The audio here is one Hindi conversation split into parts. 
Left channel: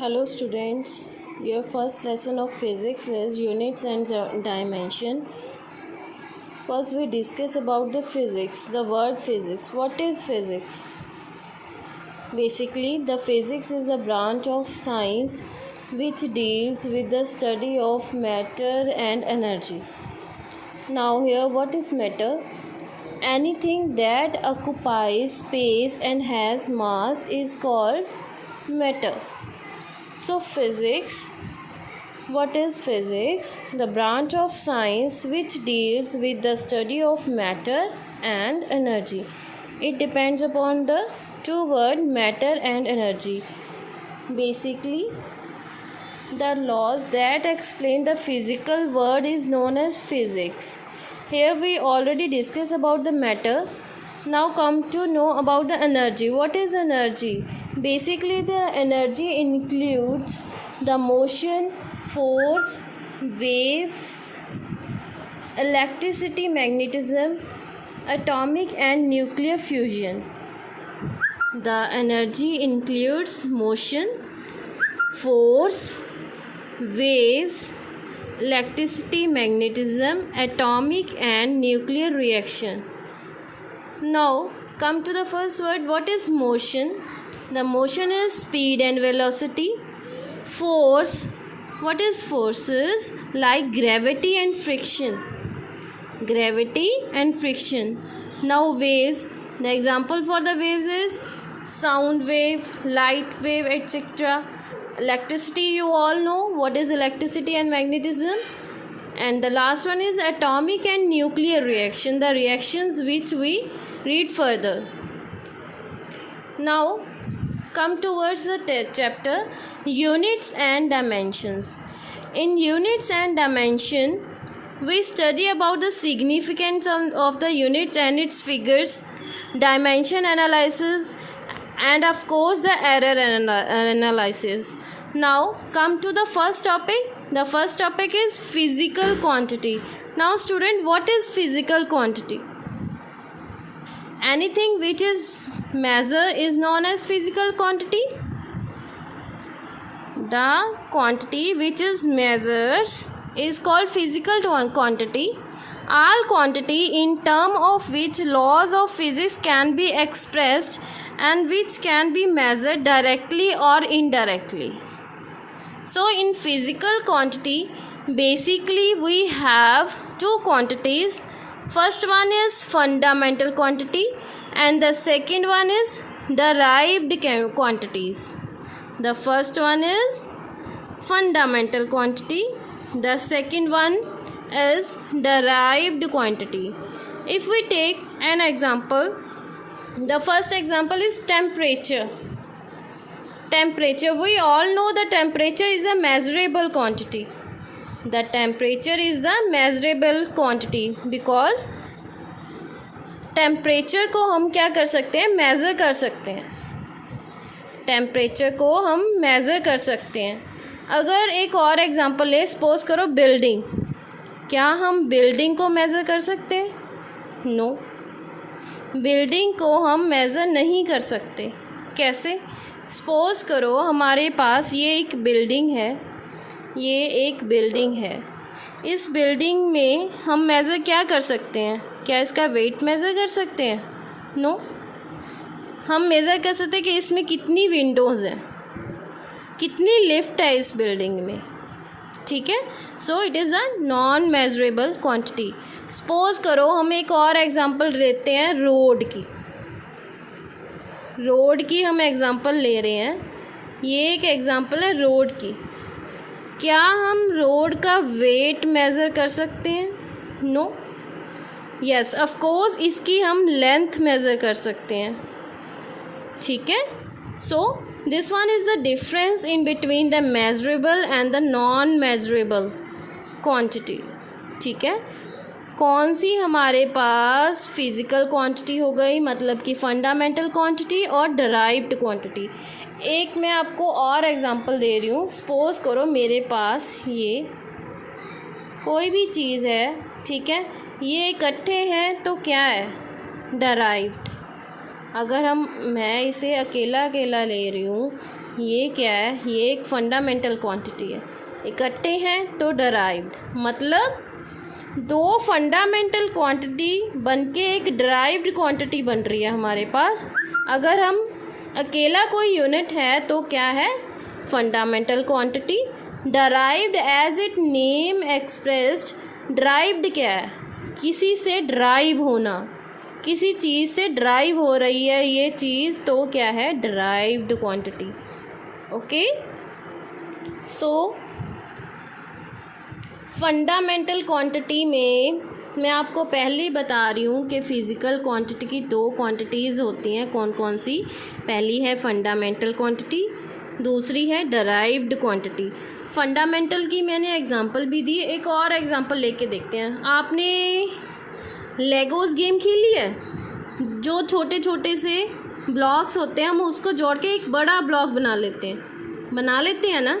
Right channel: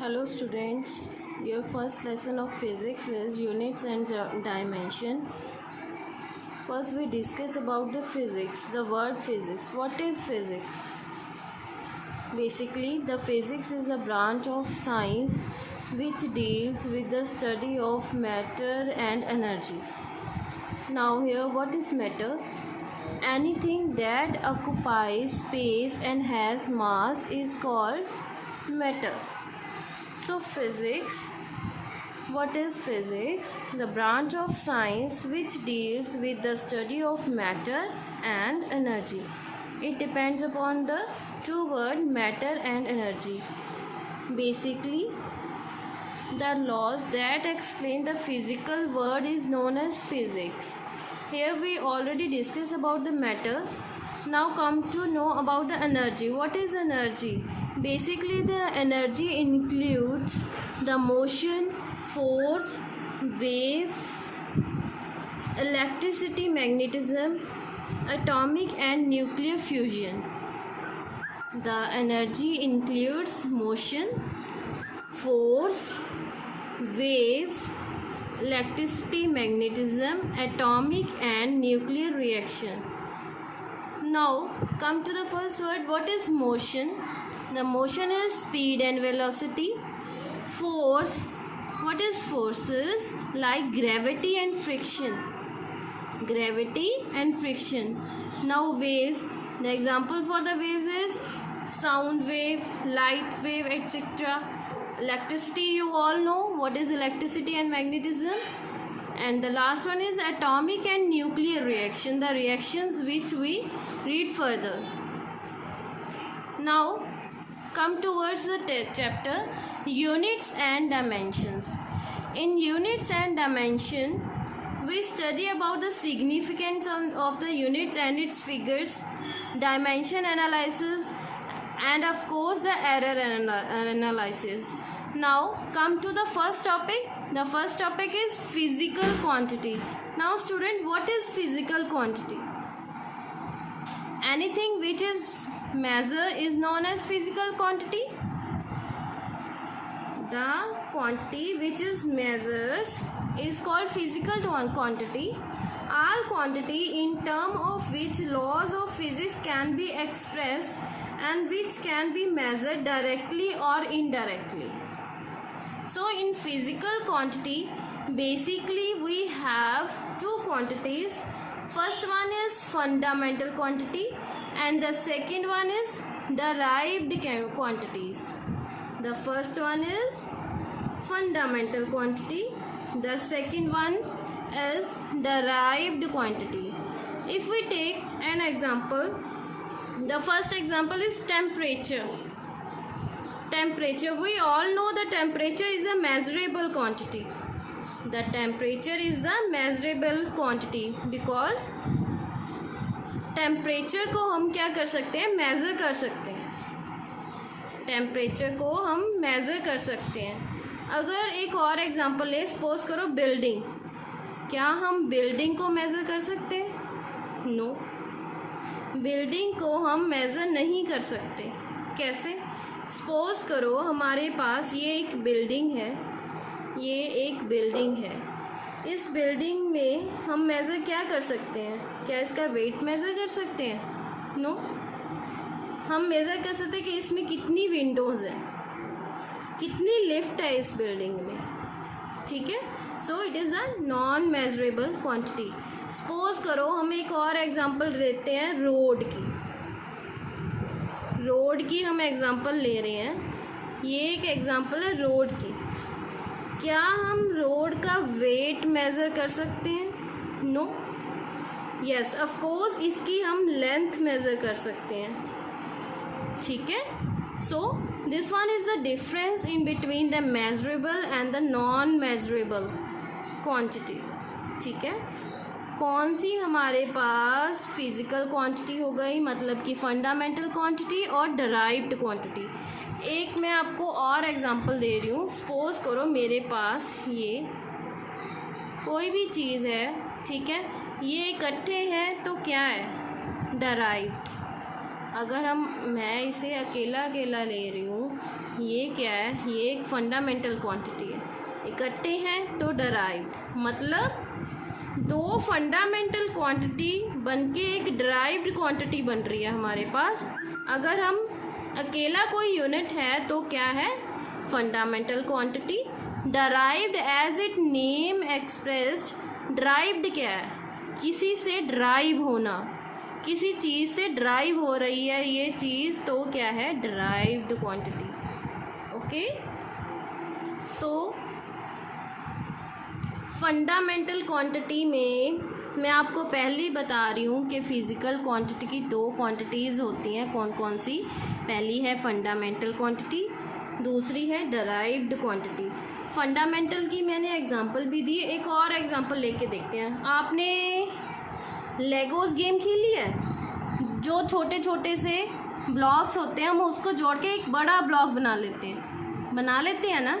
Hello students, your first lesson of physics is units and dimension. First we discuss about the physics, the word physics. What is physics? Basically, the physics is a branch of science which deals with the study of matter and energy. Now here, what is matter? Anything that occupies space and has mass is called matter. So physics, what is physics? The branch of science which deals with the study of matter and energy. It depends upon the two words matter and energy. Basically, the laws that explain the physical world is known as physics. Here we already discussed about the matter. Now come to know about the energy. What is energy? Basically, the energy includes the motion, force, waves, electricity, magnetism, atomic and nuclear fusion. The energy includes motion, force, waves, electricity, magnetism, atomic and nuclear reaction. Now come to the first word. What is motion? The motion is speed and velocity. Force. What is forces? Like gravity and friction. Gravity and friction. Now waves. The example for the waves is sound wave, light wave, etc. Electricity, you all know what is electricity and magnetism. And the last one is atomic and nuclear reaction, the reactions which we read further. Now come towards the chapter units and dimensions. In units and dimension, we study about the significance of the units and its figures, dimension analysis, and of course the error analysis. Now come to the first topic. The first topic is physical quantity. Now student, what is physical quantity? Anything which is measured is known as physical quantity. The quantity which is measured is called physical quantity. All quantity in term of which laws of physics can be expressed and which can be measured directly or indirectly. So in physical quantity, basically we have two quantities. First one is fundamental quantity and the second one is derived quantities. The first one is fundamental quantity. The second one is derived quantity. If we take an example, the first example is temperature. Temperature, we all know the temperature is a measurable quantity. The temperature is the measurable quantity because temperature को हम क्या कर सकते हैं, मेज़र कर सकते हैं. टेम्परेचर को हम मेज़र कर सकते हैं. अगर एक और एग्जांपल ले, सपोज करो बिल्डिंग. क्या हम बिल्डिंग को मेज़र कर सकते हैं? नो, बिल्डिंग को हम मेज़र नहीं कर सकते. कैसे? सपोज करो हमारे पास ये एक बिल्डिंग है, ये एक बिल्डिंग है. इस बिल्डिंग में हम मेज़र क्या कर सकते हैं? क्या इसका वेट मेज़र कर सकते हैं? नो. हम मेज़र कर सकते हैं कि इसमें कितनी विंडोज़ हैं, कितनी लिफ्ट है इस बिल्डिंग में. ठीक है. So it is a non measurable quantity. Suppose करो हम एक और एग्जांपल लेते हैं रोड की. रोड की हम एग्जांपल ले रहे हैं. ये एक एग्जांपल है रोड की. क्या हम रोड का वेट मेज़र कर सकते हैं? नो. यस, ऑफ कोर्स इसकी हम लेंथ मेज़र कर सकते हैं. ठीक है. So this one is the difference in between the measurable and the non measurable quantity. ठीक है. कौन सी हमारे पास फिज़िकल क्वांटिटी हो गई, मतलब कि फंडामेंटल क्वांटिटी और डराइव्ड क्वांटिटी. एक मैं आपको और एग्जांपल दे रही हूँ. सपोज़ करो मेरे पास ये कोई भी चीज़ है. ठीक है. ये इकट्ठे हैं तो क्या है? डराइव्ड. अगर मैं इसे अकेला अकेला ले रही हूँ, ये क्या है, ये एक फंडामेंटल क्वांटिटी है। इकट्ठे हैं तो डराइव्ड, मतलब दो फंडामेंटल क्वांटिटी बनके एक डराइव्ड क्वांटिटी बन रही है हमारे पास। अगर हम अकेला कोई यूनिट है तो क्या है, fundamental quantity. Derived as it name expressed, derived क्या है, किसी से ड्राइव होना, किसी चीज़ से ड्राइव हो रही है ये चीज़, तो क्या है, डराइव्ड क्वांटिटी। ओके, सो फंडामेंटल क्वांटिटी में मैं आपको पहले ही बता रही हूँ कि फ़िज़िकल क्वांटिटी की दो क्वांटिटीज़ होती हैं। कौन कौन सी, पहली है फंडामेंटल क्वांटिटी, दूसरी है डराइव्ड क्वांटिटी। फंडामेंटल की मैंने एग्जांपल भी दी, एक और एग्जांपल लेके देखते हैं। आपने लेगोस गेम खेली है, जो छोटे छोटे से ब्लॉक्स होते हैं, हम उसको जोड़ के एक बड़ा ब्लॉक बना लेते हैं ना,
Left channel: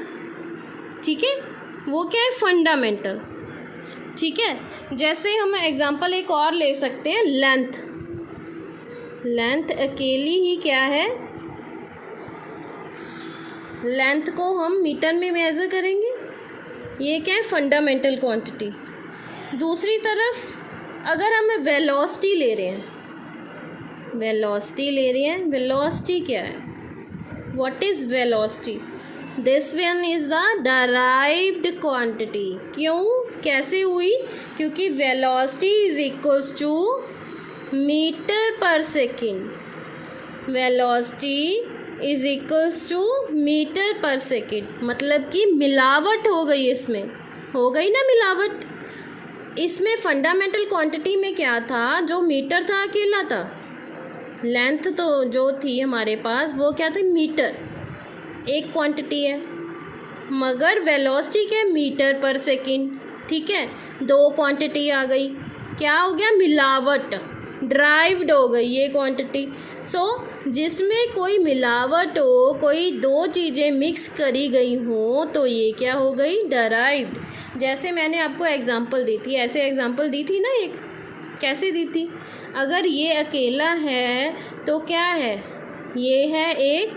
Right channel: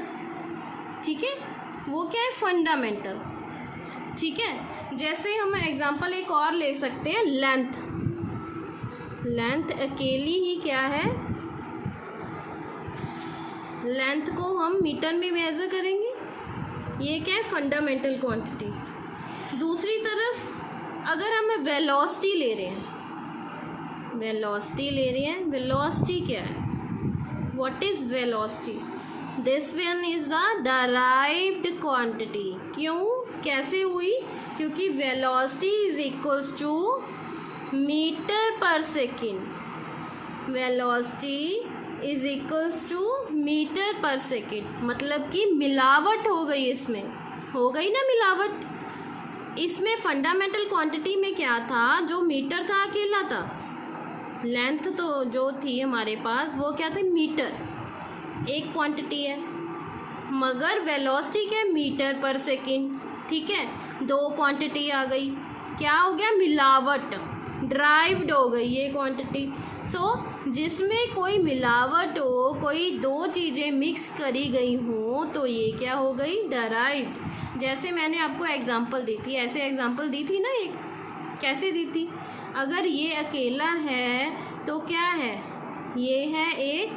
ठीक है, वो क्या है, फंडामेंटल। ठीक है, जैसे हम एग्जांपल एक और ले सकते हैं, लेंथ अकेली ही क्या है, लेंथ को हम मीटर में मेज़र करेंगे, ये क्या है, फंडामेंटल क्वांटिटी। दूसरी तरफ अगर हम वेलोसिटी ले रहे हैं, वेलोसिटी क्या है, what is velocity, this one is the derived quantity. क्यों, कैसे हुई, क्योंकि velocity is equals to meter per second, velocity is equals to meter per second, मतलब कि मिलावट हो गई, इसमें हो गई ना मिलावट। इसमें फंडामेंटल क्वांटिटी में क्या था, जो मीटर था अकेला था, लेंथ तो जो थी हमारे पास वो क्या था, मीटर, एक क्वांटिटी है, मगर वेलोसिटी के मीटर पर सेकेंड। ठीक है, दो क्वांटिटी आ गई, क्या हो गया, मिलावट, ड्राइव्ड हो गई ये क्वांटिटी। सो जिसमें कोई मिलावट हो, कोई दो चीज़ें मिक्स करी गई हो, तो ये क्या हो गई, डराइव्ड। जैसे मैंने आपको एग्जांपल दी थी, ऐसे एग्जांपल दी थी ना, एक कैसे दी थी, अगर ये अकेला है तो क्या है, ये है एक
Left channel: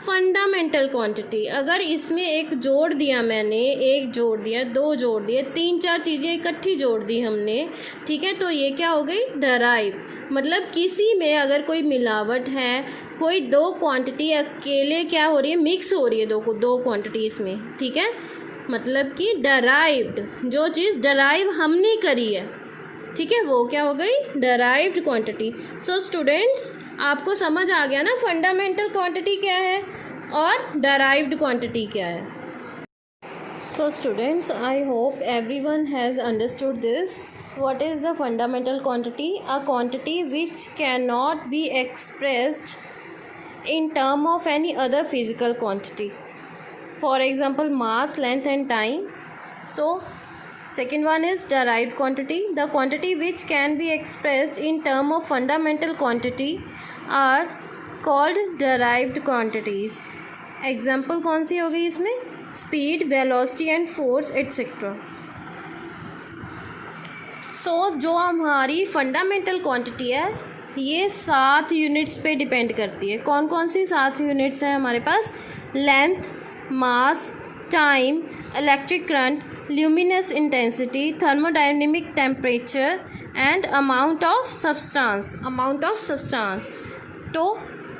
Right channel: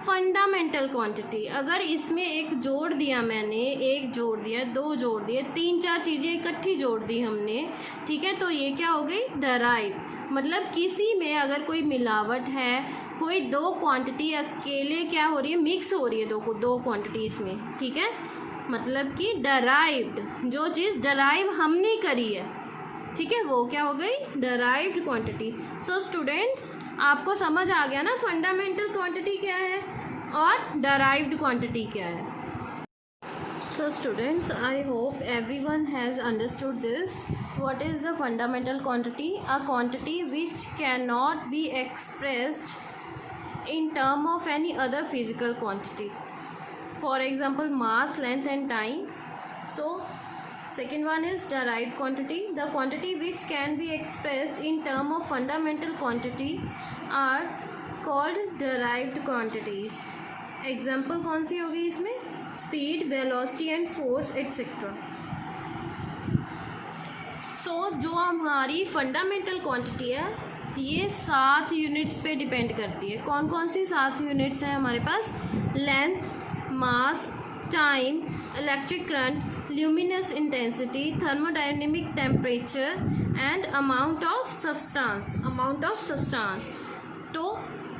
फंडामेंटल क्वांटिटी। अगर इसमें एक जोड़ दिया मैंने, एक जोड़ दिया, दो जोड़ दिए, तीन चार चीज़ें इकट्ठी जोड़ दी हमने, ठीक है, तो ये क्या हो गई, डराइव। मतलब किसी में अगर कोई मिलावट है, कोई दो क्वांटिटी अकेले क्या हो रही है, मिक्स हो रही है दो क्वांटिटी इसमें, ठीक है, मतलब कि डराइव्ड, जो चीज़ डराइव हमने करी है, ठीक है, वो क्या हो गई, डराइव्ड क्वांटिटी। सो स्टूडेंट्स, आपको समझ आ गया ना फंडामेंटल क्वांटिटी क्या है और डराइव्ड क्वांटिटी क्या है। So students, I hope everyone has understood this. What is the fundamental quantity, a quantity which can not be expressed in term of any other physical quantity, for example mass, length and time. So second one is derived quantity, the quantity which can be expressed in term of fundamental quantity are called derived quantities. Example कौन सी हो गई इसमें, speed, velocity and force etcetera. So जो हमारी फंडामेंटल क्वांटिटी है ये 7 यूनिट्स पे डिपेंड करती है। कौन कौन सी 7 यूनिट्स हैं हमारे पास, length, mass, time, electric current, luminous intensity, thermodynamic temperature and amount of substance. तो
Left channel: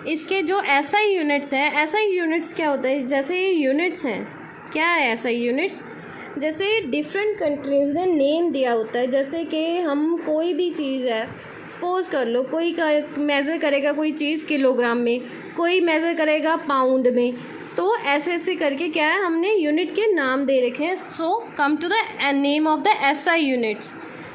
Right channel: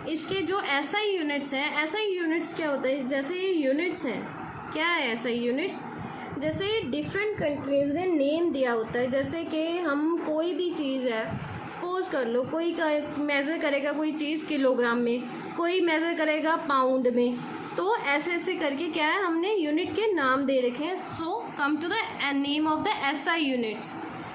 इसके जो एसआई यूनिट्स हैं, एसआई यूनिट्स क्या होता है, जैसे ये यूनिट्स हैं, क्या है एसआई यूनिट्स, जैसे डिफरेंट कंट्रीज़ ने नेम दिया होता है। जैसे कि हम कोई भी चीज़ है, सपोज कर लो, कोई मेज़र करेगा कोई चीज़ किलोग्राम में, कोई मेज़र करेगा पाउंड में, तो ऐसे ऐसे करके क्या है, हमने यूनिट के नाम दे रखे हैं। So come to the name of the SI units.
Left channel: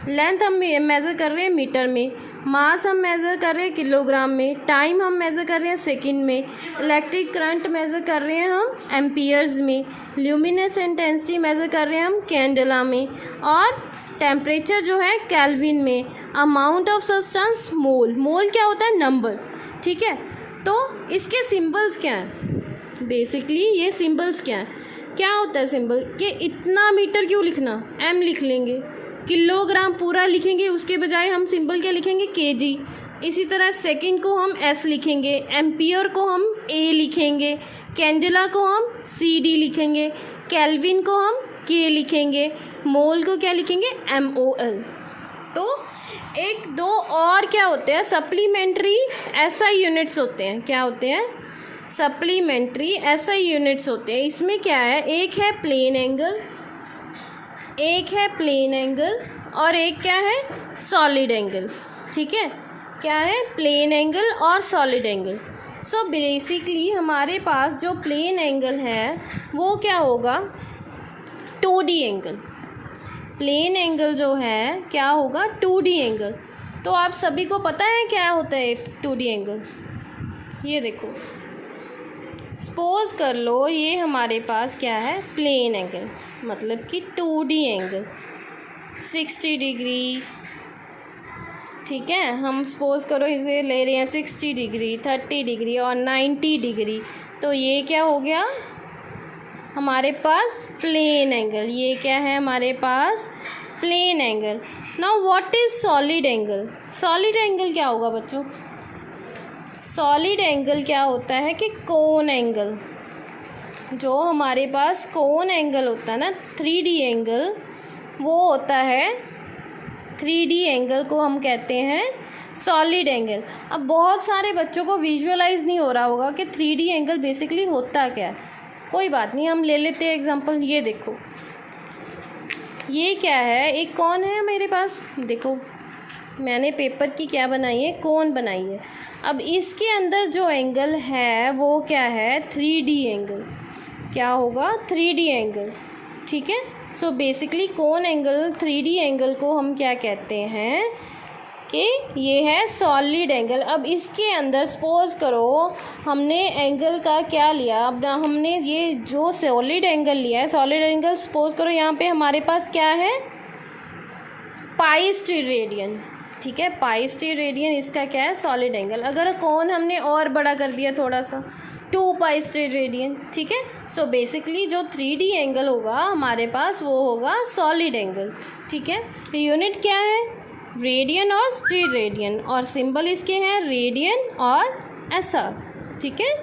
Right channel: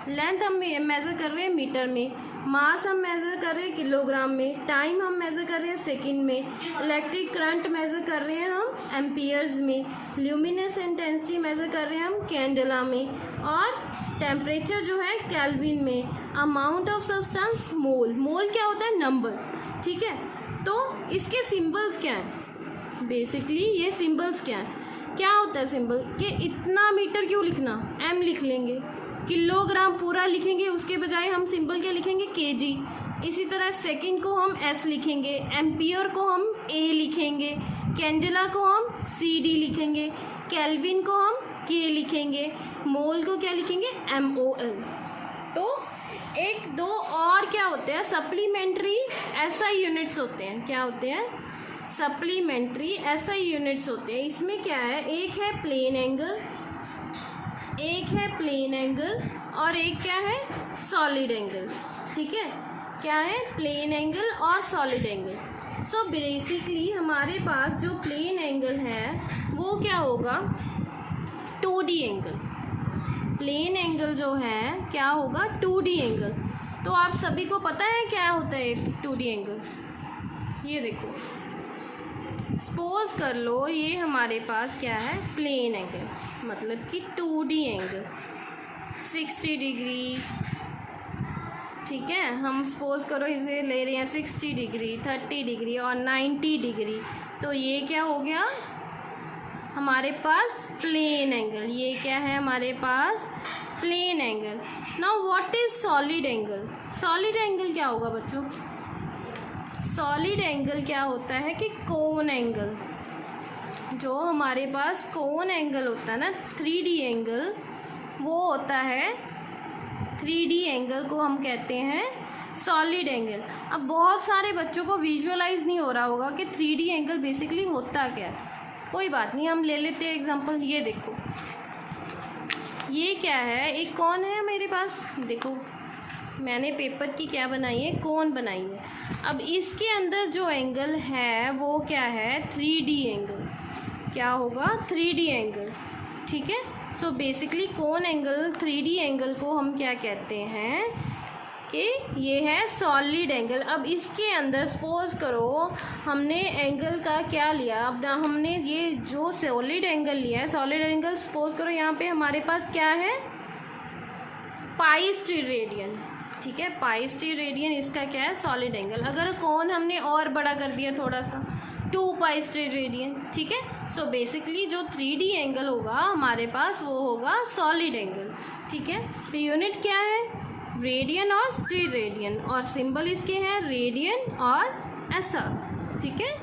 Length हम मेज़र कर रहे हैं मीटर में, मास हम मेज़र कर रहे हैं किलोग्राम में, टाइम हम मेज़र कर रहे हैं सेकंड में, इलेक्ट्रिक करंट मेज़र कर रहे हैं हम एम्पियर्स में, ल्यूमिनस इंटेंसिटी मेज़र कर रहे हैं हम कैंडेला में, और टेम्परेचर जो है केल्विन में, अमाउंट ऑफ सब्सटेंस मोल क्या होता है, नंबर। ठीक है, तो इसके सिंबल्स क्या हैं, बेसिकली ये सिंबल्स क्या होता है सिंबल, कि इतना मीटर क्यों लिखना, एम लिख लेंगे, किलोग्राम पूरा लिखेंगे, उसके बजाय हम सिंबल क्या लिखेंगे, केजी, इसी तरह सेकंड को हम S लिखेंगे, एम्पियर को हम A लिखेंगे, कैंडेला को हम CD लिखेंगे, केल्विन को हम K लिखेंगे, मोल को क्या लिखेंगे, MOL। तो एक दो और क्या होते हैं, सप्लीमेंट्री SI यूनिट्स होते हैं। क्या होते हैं, सप्लीमेंट्री SI यूनिट्स होते हैं। इसमें क्या है, एक है प्लेन एंगल, एक है प्लेन एंगल और एक क्या है, सॉलिड एंगल। ठीक है, क्या है, प्लेन एंगल और सॉलिड एंगल। सो बेसिकली हमारे पास जो प्लेन एंगल है वो क्या होगा, 2D एंगल। प्लेन एंगल जो है क्या होगा, 2D एंगल। तो आप सभी को पता है क्या होता है 2D एंगल। ये देखो, सपोज कर लो ये हमारे पास क्या है, प्लेन एंगल, मतलब कि 2D एंगल 60 डिग्री। ठीक है, हम सपोज करो इसे ले रहे हैं 60 डिग्री, 30 डिग्री और 90 डिग्री। तो ये क्या हो गया हमारे पास, प्लेन एंगल। ये क्या है हमारे पास, plane angle. Now what is solid angle. Solid angle क्या होगा बच्चों, सॉलिड एंगल क्या होता है कि कोन एंगल। जो हमारे पास कोन एंगल होता है ना, 3D एंगल, वो होता है 3D एंगल को हम कहते हैं सॉलिड एंगल। अब बहुत सारे बच्चों को विजुअलाइज नहीं हो रहा होगा कि 3D एंगल बेसिकली होता क्या है। कोई बात नहीं, हम ले लेते हैं एग्जांपल। ये देखो, ये क्या है, एक कौन है मेरे पास, देखो मैंने पेपर की क्या बनाई है, कोन बनाई है। अब इसके अंदर जो एंगल है वो क्या है, 3D एंगल। क्या होगा, 3D एंगल। ठीक है, सो बेसिकली कोन एंगल 3D एंगल को हम क्या कहते हैं कि ये है सॉलिड एंगल। अब इसके अंदर सपोज करो हमने एंगल का क्या लिया, अब हमने ये जो सॉलिड एंगल लिया है, सॉलिड एंगल सपोज करो यहाँ पे हमारे पास क्या है, पाई स्टीरेडियन। ठीक है, पाई स्टीरेडियन इसका क्या है, सॉलिड एंगल। अगर कौन हमने और बड़ा कर दिया थोड़ा सा, 2 पाई स्टीरेडियन। ठीक है, सो बेसिकली जो 3D एंगल होगा हमारे पास वो होगा सॉलिड एंगल। ठीक है, यूनिट क्या है, रेडियन और स्टीरेडियन, और सिंबल इसके हैं रेडियन और SR। ठीक है।